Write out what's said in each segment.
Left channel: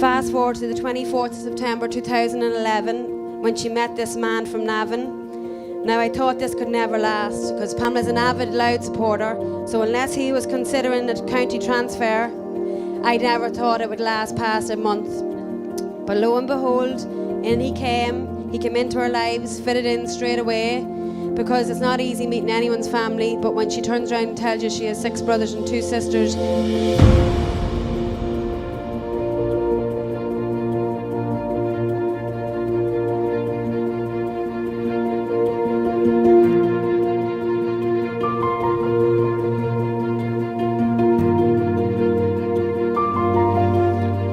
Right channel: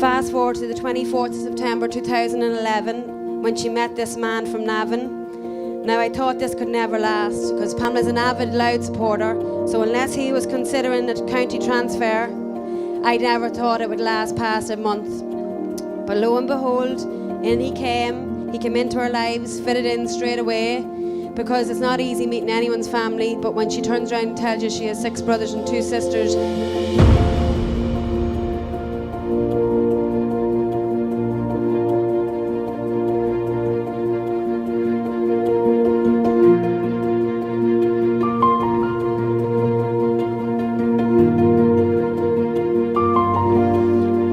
Fast forward to the 24th of September 2011 when she met this man from Navan. Now I thought this could never last because Pamela's an avid Loud supporter, so unless he was considering a county transfer, I never thought it would last past a month. But lo and behold, in he came into our lives, fitted in straight away, because it's not easy meeting anyone's family, but when she turns around and tells you she has 6 brothers and 2 sisters,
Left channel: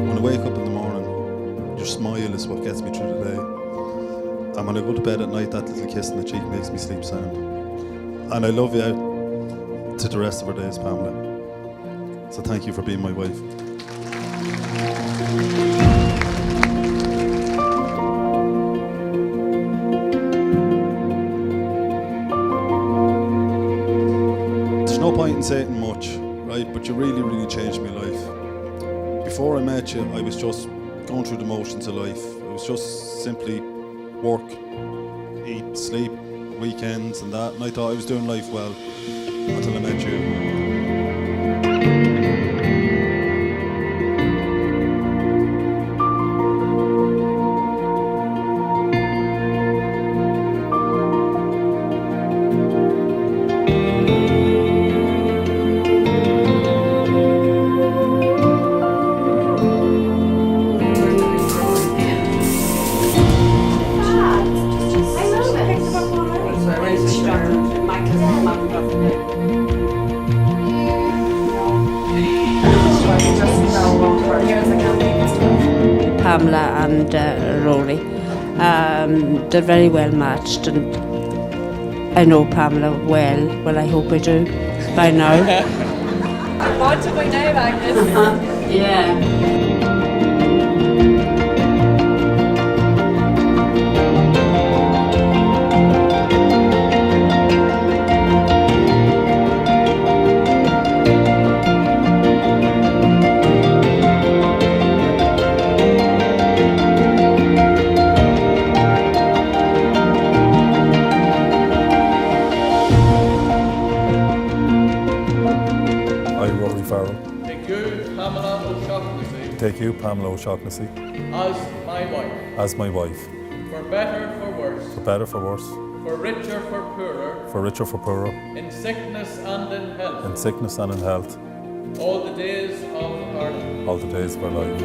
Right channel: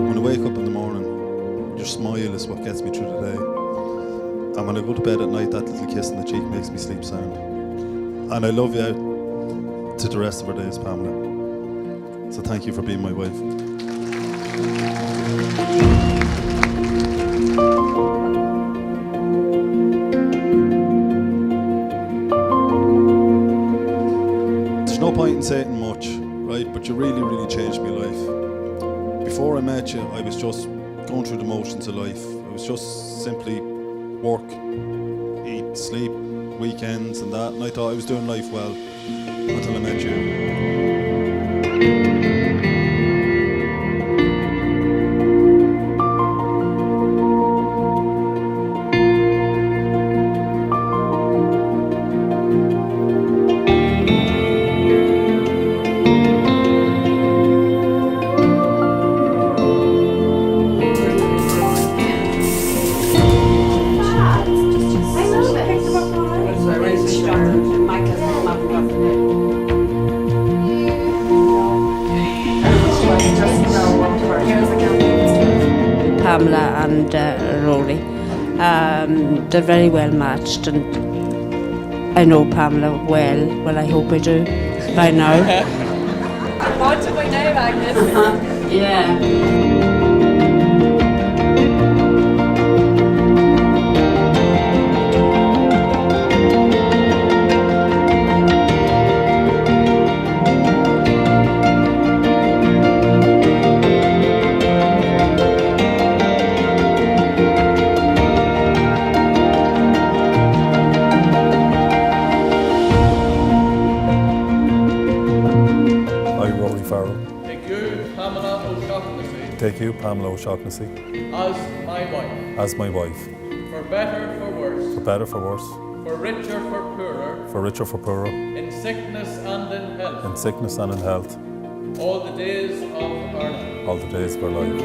when I wake up in the morning, your smile is what gets me through the day. And when I go to bed at night, that little kiss on the cheek makes me sleep sound. And I love you out to the rest of our days, Pamela. So thank you for being my wife. There's no point in saying much, right? But you really, really changed my life. Before I met you, I was just going through the motions of life. I was just simply work, eat, sleep, weekends and that, and I thought I was doing life well until I met you. Pamela and Rory. They're very well matched, and I know Pamela well. Well, I hope I do by now. Want to by now, Agnes? Yeah. I, Rory Farrell, take you, Pamela O'Shaughnessy, take you, Pamela O'Shaughnessy, as my wife, as my wife, for better, for worse, for better, for worse, for richer, for poorer, for richer, for poorer, in sickness and in health, in sickness and in health, all the days of our life. all the days of our life.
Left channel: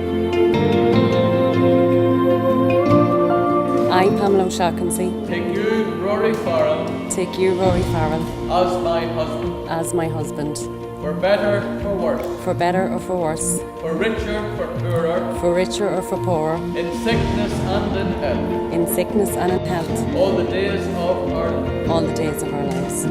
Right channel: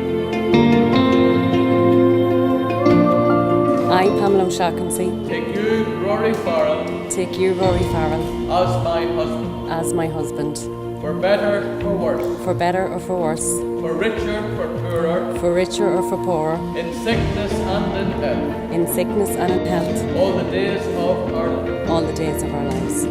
I, Pamela O'Shaughnessy, Take you, Rory Farrell, take you, Rory Farrell, as my husband, as my husband, for better, for worse, for better or for worse, for richer, for poorer, for richer or for poorer, in sickness and in health, in sickness and in health, all the days of our life. all the days of our lives.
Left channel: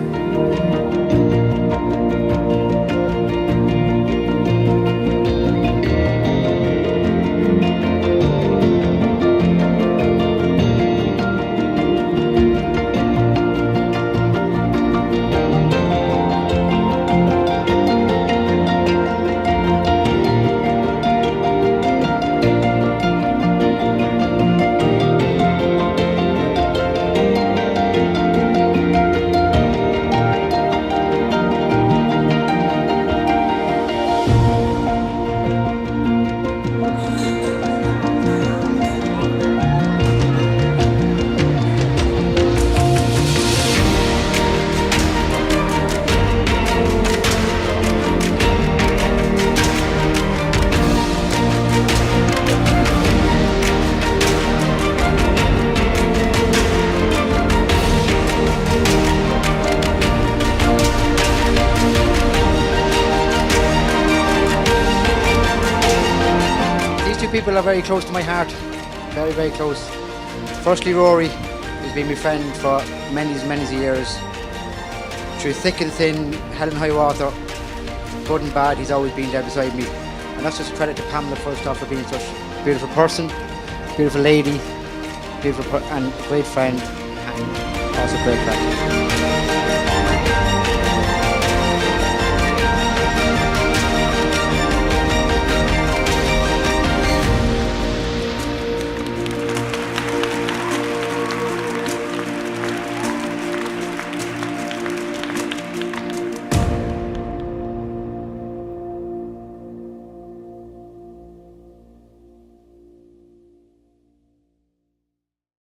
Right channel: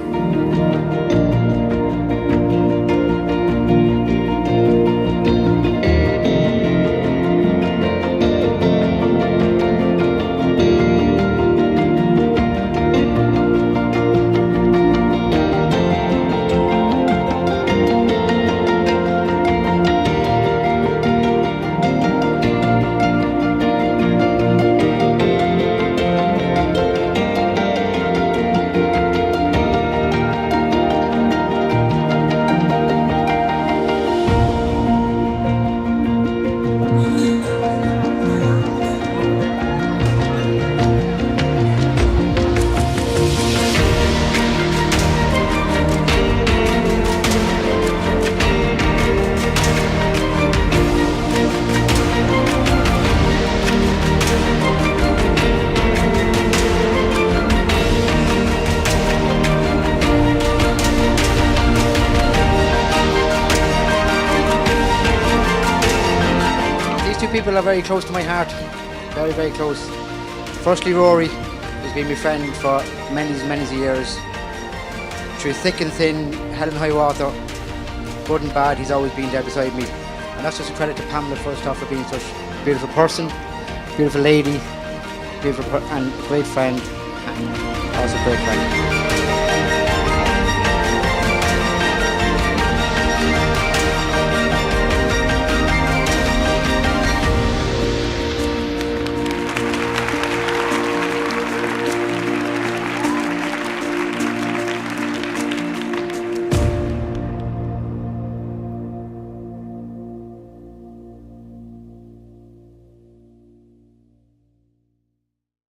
These two people are very close to my heart, very, very close. Firstly, Rory has been my friend for many years. Through thick and thin, hell and high water, good and bad, he's always been there beside me. And that's just a credit to Pamela first off for being such a beautiful person, beautiful lady, and great friend, and also great crack.